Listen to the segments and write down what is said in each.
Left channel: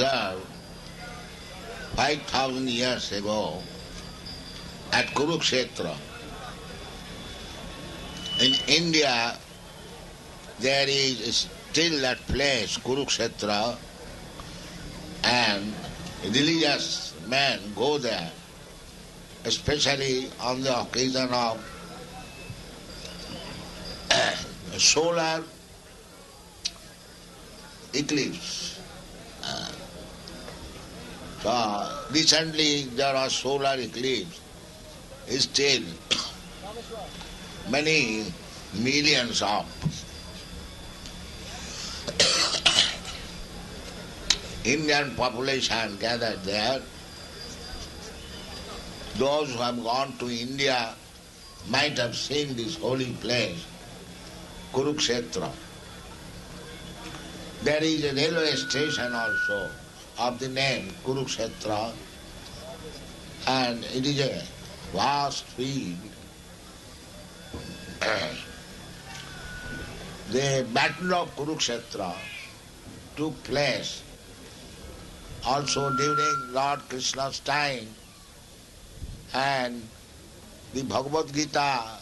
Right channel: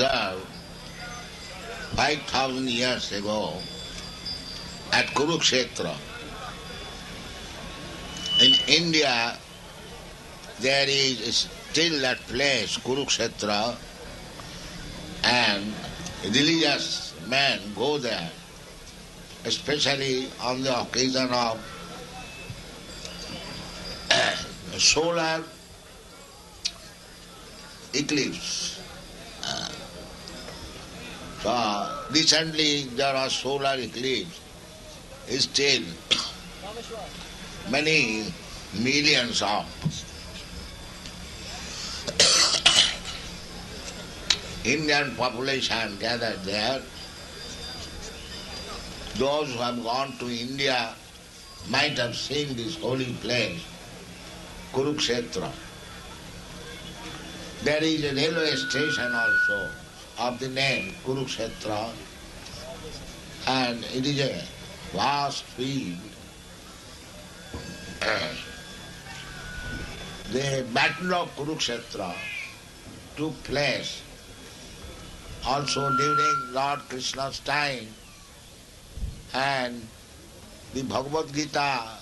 observe 5,000 years ago at Kurukshetra. In India, there is still that place, Kurukshetra, and religious men go there, especially on the occasion of solar eclipse. So recently there was solar eclipse. Still many millions of Indian population gathered there. Those who have gone to India might have seen this holy place, Kurukshetra. There is a railway station also of the name Kurukshetra, and it is a vast field. The Battle of Kurukshetra took place also during Lord Krishna's time, and the Bhagavad Gita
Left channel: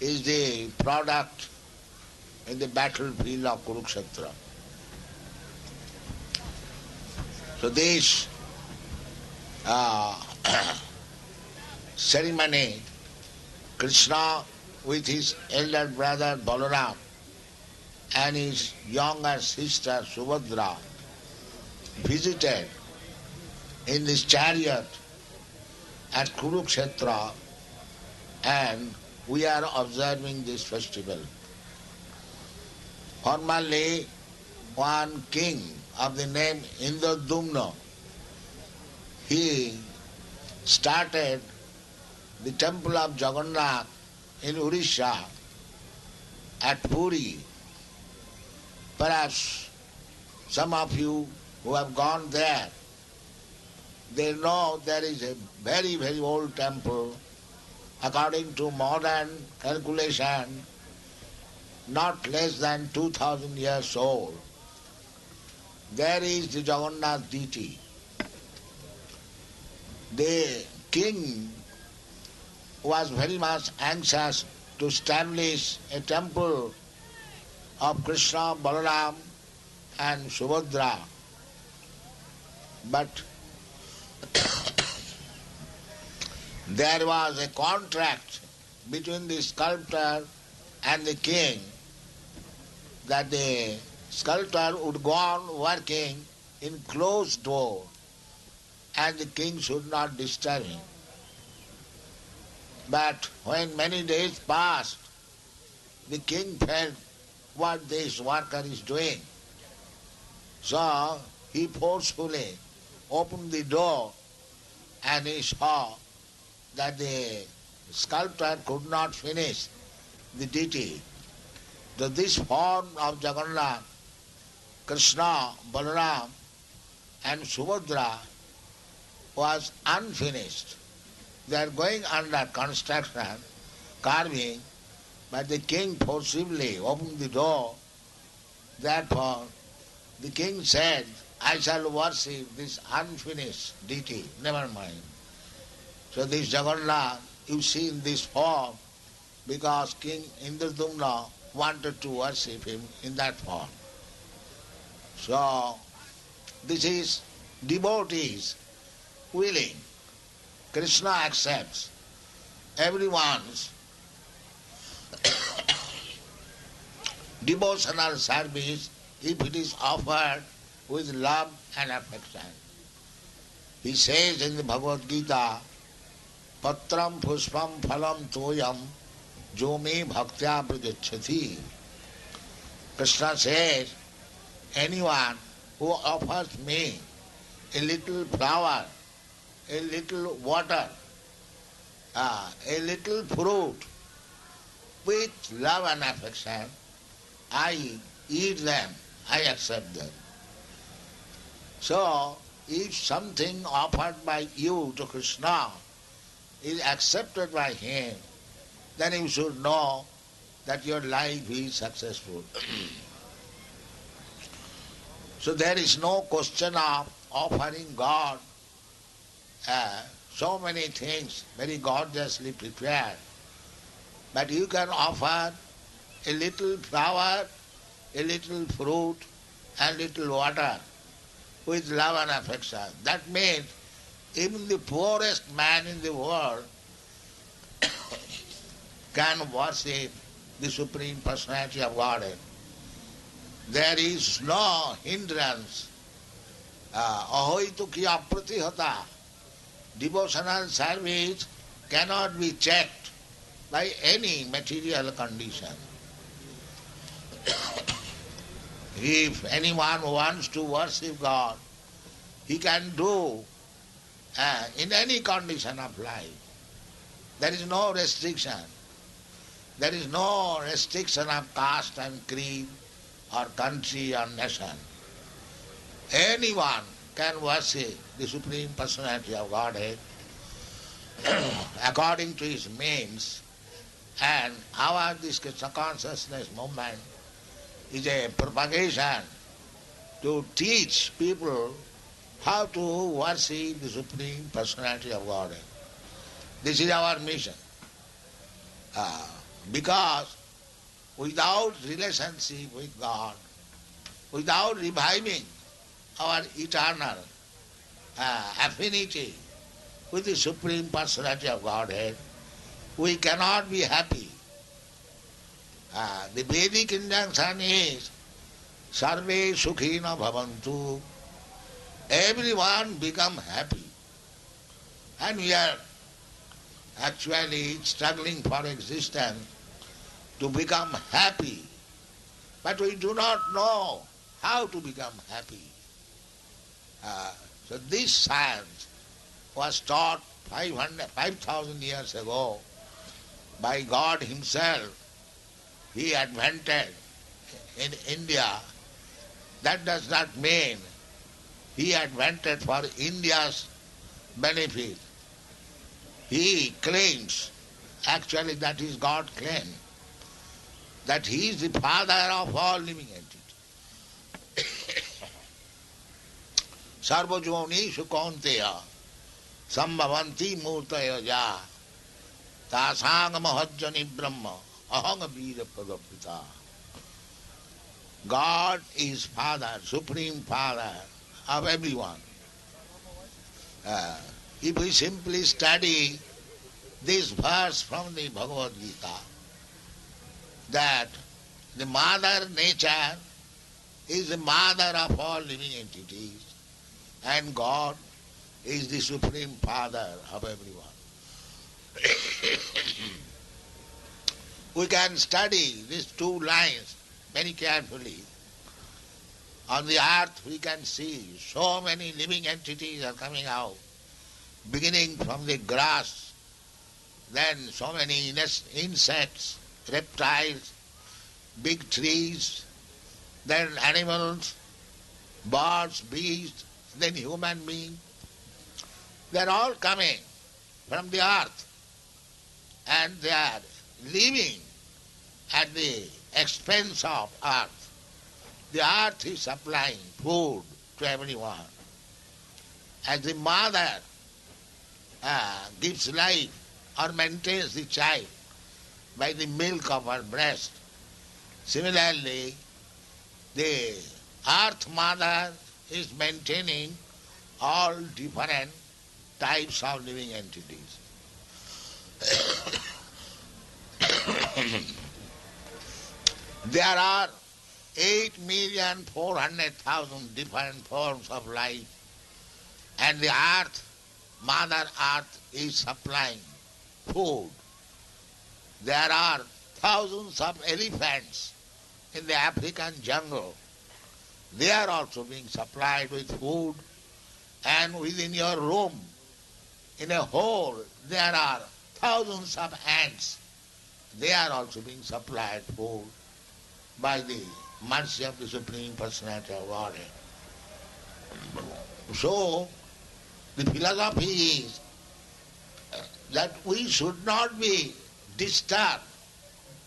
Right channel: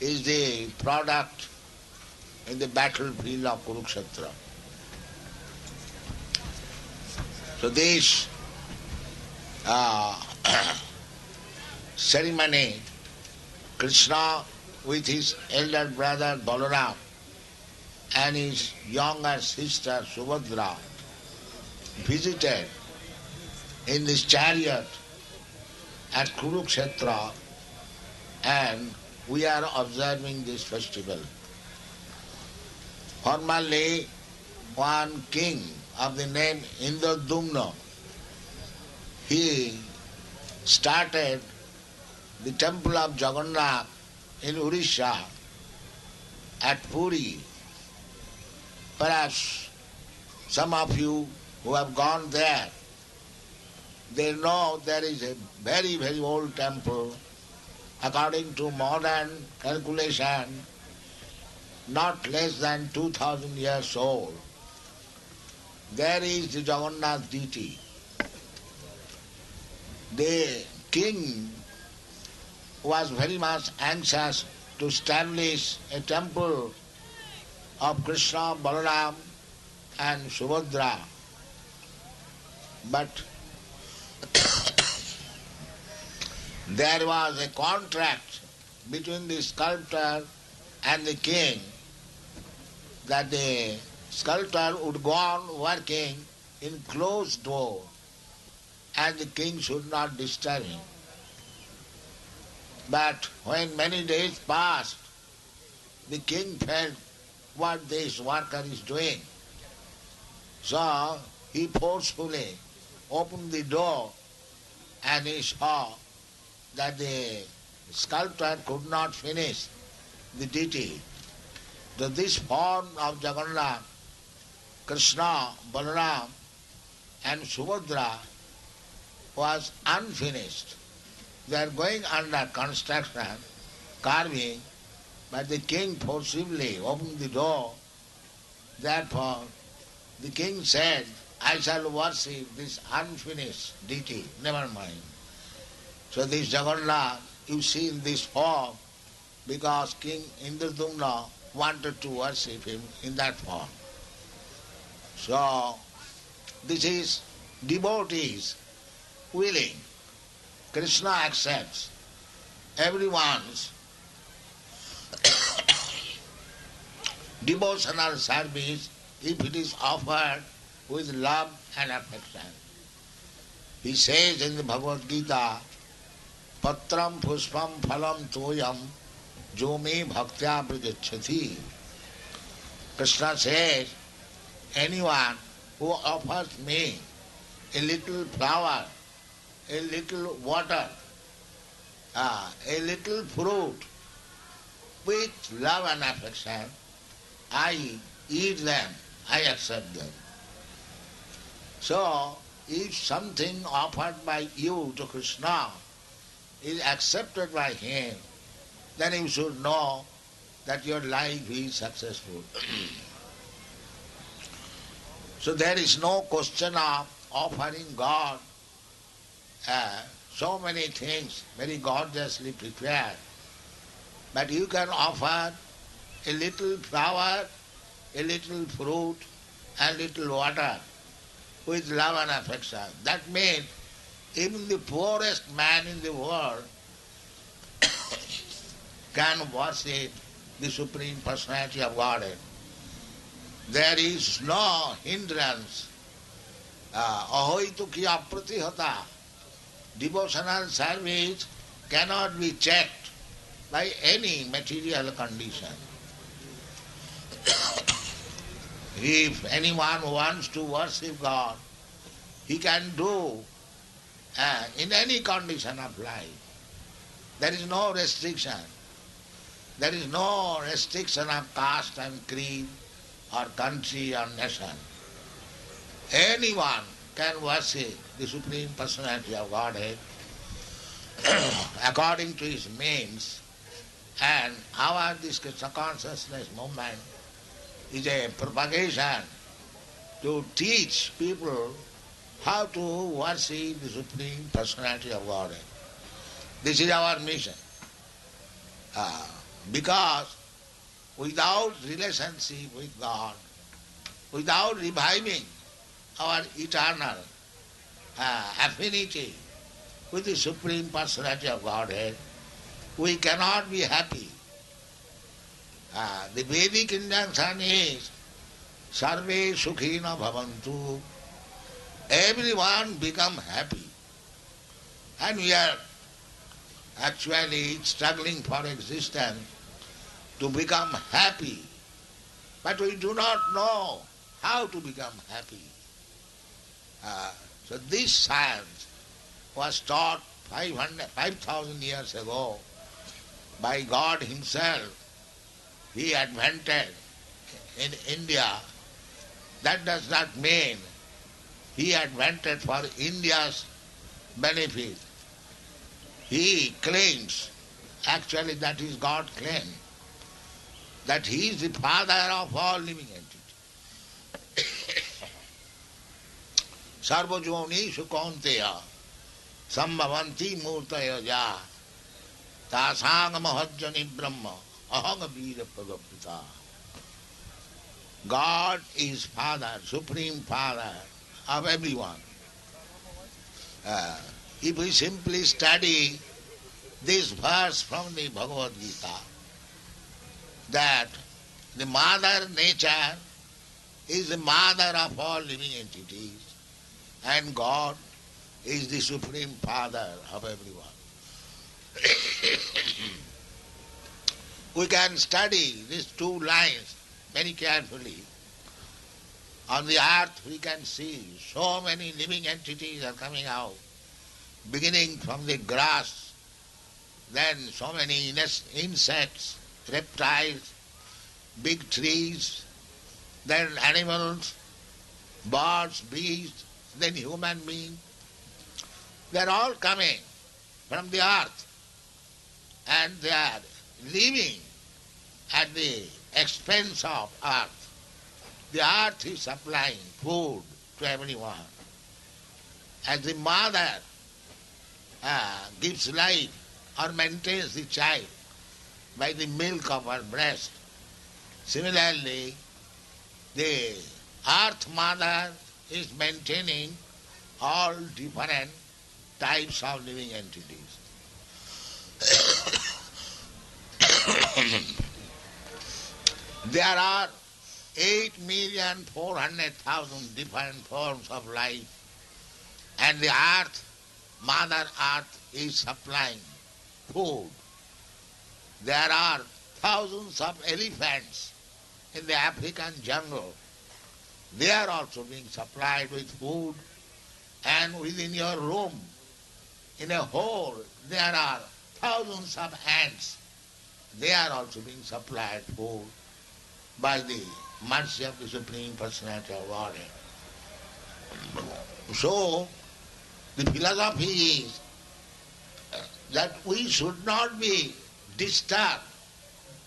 is the product in the battlefield of Kurukshetra. So this ceremony, Krishna with his elder brother Balaram and his younger sister Subhadra visited in this chariot at Kurukshetra, and we are observing this festival. Formerly, one king of the name Indradumna, he started the temple of Jagannaut in Odisha at Puri. Perhaps some of you who have gone there, they know there is a very, very old temple, according to modern calculation, not less than 2,000 years old. There is the Jagannath deity. The king was very much anxious to establish a temple of Krishna, Balaram and Subhadra. But there was a contract between the sculptor and the king that the sculptor would go on working in closed door and the king should not disturb him. But when many days passed, the king felt what this worker is doing. So he forcefully opened the door and he saw that the sculptor could not finish the deity. So this form of Jagannath, Krishna, Balaram and Subhadra was unfinished. They are going under construction, carving, but the king forcibly opened the door. Therefore, the king said, I shall worship this unfinished deity, never mind. So this Jagannath, you see in this form, because King Indradumna wanted to worship him in that form. So, this is devotees willing. Krishna accepts everyone's devotional service if it is offered with love and affection. He says in the Bhagavad Gita, Patram pushpam phalam toyam jo me bhaktya pradichyati. Krishna says, anyone who offers me a little flower, a little water, a little fruit, with love and affection, I eat them, I accept them. So, if something offered by you to Krishna is accepted by him, then you should know that your life is successful. So there is no question of offering God so many things very gorgeously prepared. But you can offer a little flower, a little fruit, and little water with love and affection. That means even the poorest man in the world can worship the Supreme Personality of Godhead. There is no hindrance. Ahoituki apratihata. Devotional service cannot be checked by any material condition. If anyone wants to worship God, he can do in any condition of life. There is no restriction. There is no restriction of caste and creed or country or nation. Anyone can worship the Supreme Personality of Godhead according to his means, and our this Krishna consciousness movement is a propagation to teach people how to worship the Supreme Personality of Godhead. This is our mission. Because without relationship with God, without reviving our eternal affinity with the Supreme Personality of Godhead, we cannot be happy. The Vedic injunction is Sarve Sukhina Bhavantu. Everyone become happy. And we are actually struggling for existence to become happy. But we do not know how to become happy. So this science was taught 5,000 years ago by God Himself. He invented in India. That does not mean He invented for India's benefit. He claims, actually that is God's claim, that He is the Father of all living entities. Sarvajyonishu kaunteya sambhavanti murtaya ja tasanga mahajjani brahma ahanga vida pradapita. God is Father, Supreme Father of everyone. If we simply study this verse from the Bhagavad Gita, that the Mother Nature is the mother of all living entities, and God is the Supreme Father of everyone. We can study these two lines very carefully. On the earth we can see so many living entities are coming out, beginning from the grass, then so many insects, reptiles, big trees, then animals, birds, beasts, then human beings. They are all coming from the earth, and they are living at the expense of earth. The earth is supplying food to everyone. As the mother gives life or maintains the child by the milk of her breast, similarly, the earth mother is maintaining all different types of living entities. There are 8,400,000 different forms of life, and the earth, Mother Earth, is supplying food. There are thousands of elephants in the African jungle. They are also being supplied with food, and within your room, in a hole, there are thousands of ants. They are also being supplied food by the mercy of the Supreme Personality of Godhead. So, the philosophy is that we should not be disturbed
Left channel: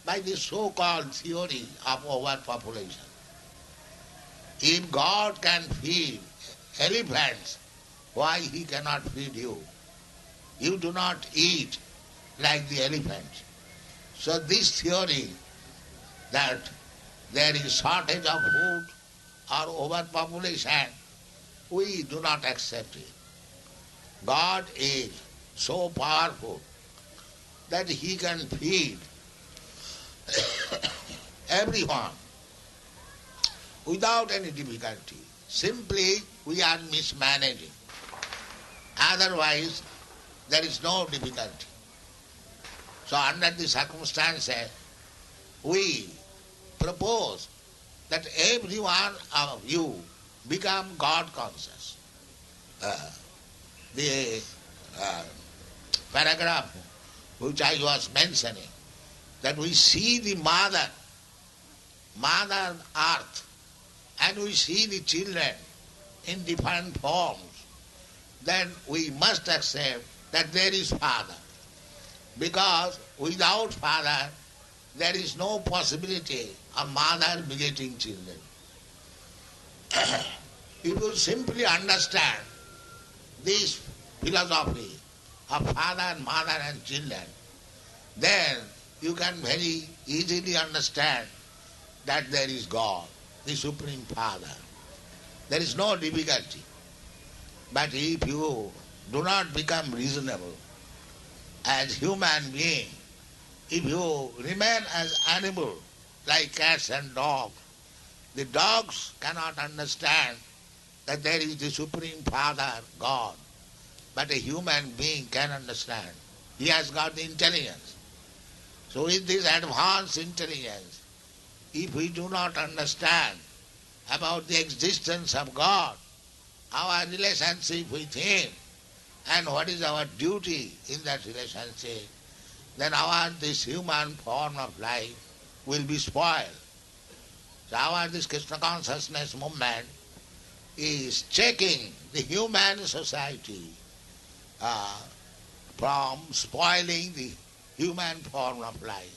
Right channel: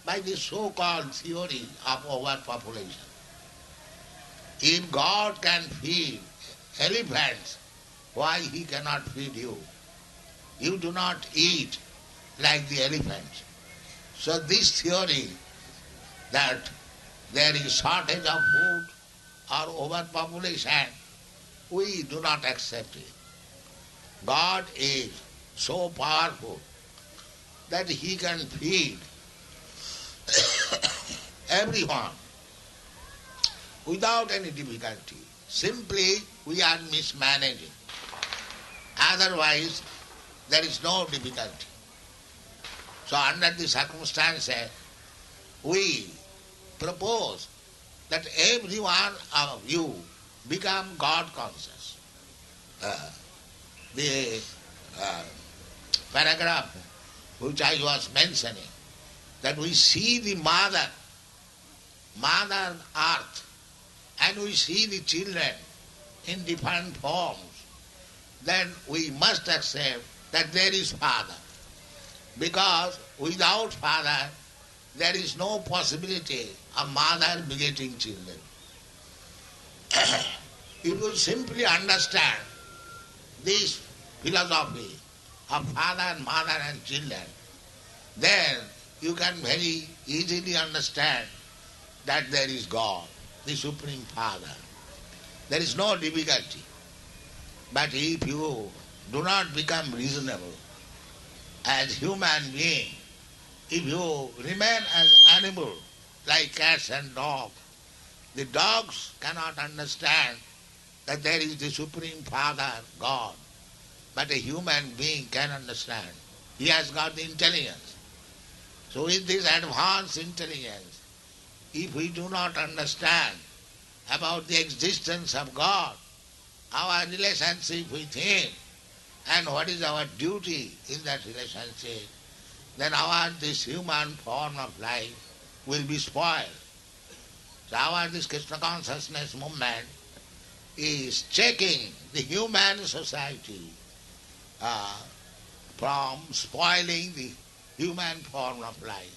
by the so-called theory of overpopulation. If God can feed elephants, why He cannot feed you? You do not eat like the elephants. So this theory that there is shortage of food or overpopulation, we do not accept it. God is so powerful that He can feed everyone without any difficulty. Simply we are mismanaging. Otherwise, there is no difficulty. So under the circumstances, we propose that every one of you become God conscious. The paragraph which I was mentioning, that we see the mother earth, and we see the children in different forms, then we must accept that there is Father. Because without Father, there is no possibility of mother begetting children. If you simply understand this philosophy of father and mother and children, then you can very easily understand that there is God, the Supreme Father. There is no difficulty. But if you do not become reasonable as human being, if you remain as animal like cats and dogs, the dogs cannot understand that there is the Supreme Father, God. But a human being can understand. He has got the intelligence. So with this advanced intelligence, if we do not understand about the existence of God, our relationship with Him, and what is our duty in that relationship, then this human form of life will be spoiled. So this Krishna consciousness movement is checking the human society from spoiling the human form of life.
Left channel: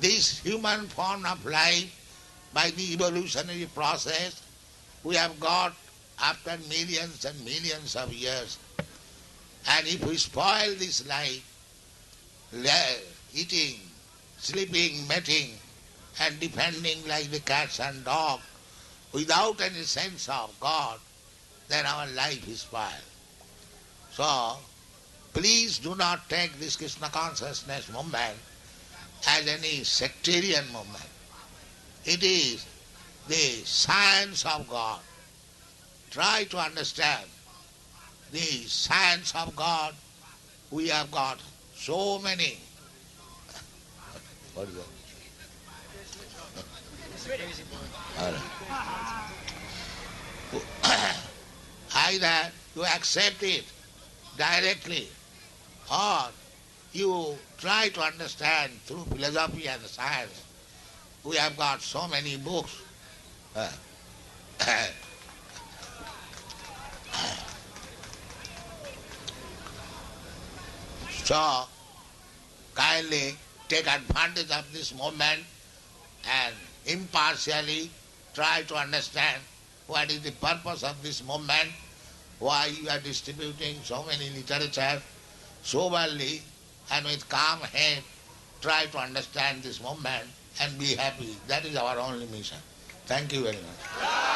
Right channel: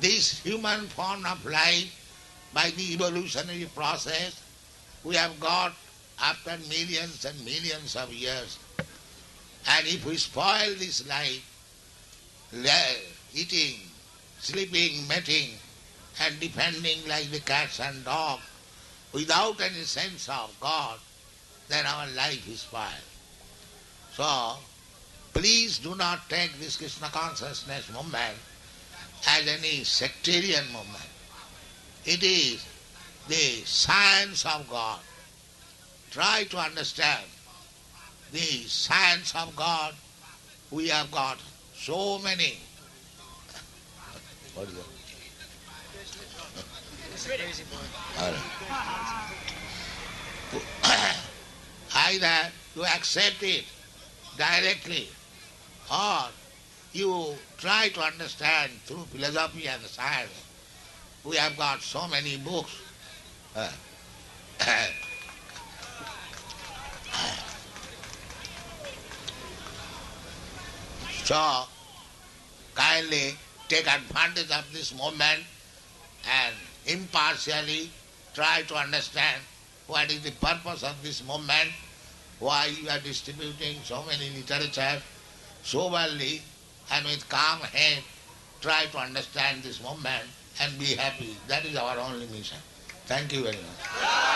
This human form of life, by the evolutionary process, we have got after millions and millions of years. And if we spoil this life, eating, sleeping, mating, and defending like the cats and dogs, without any sense of God, then our life is spoiled. So, please do not take this Krishna consciousness movement as any sectarian movement. It is the science of God. Try to understand the science of God. We have got so many. What is that? Either you accept it directly, or you try to understand through philosophy and science. We have got so many books. So, kindly take advantage of this moment and impartially try to understand what is the purpose of this movement, why you are distributing so many literature soberly and with calm head. Try to understand this movement and be happy. That is our only mission. Thank you very much.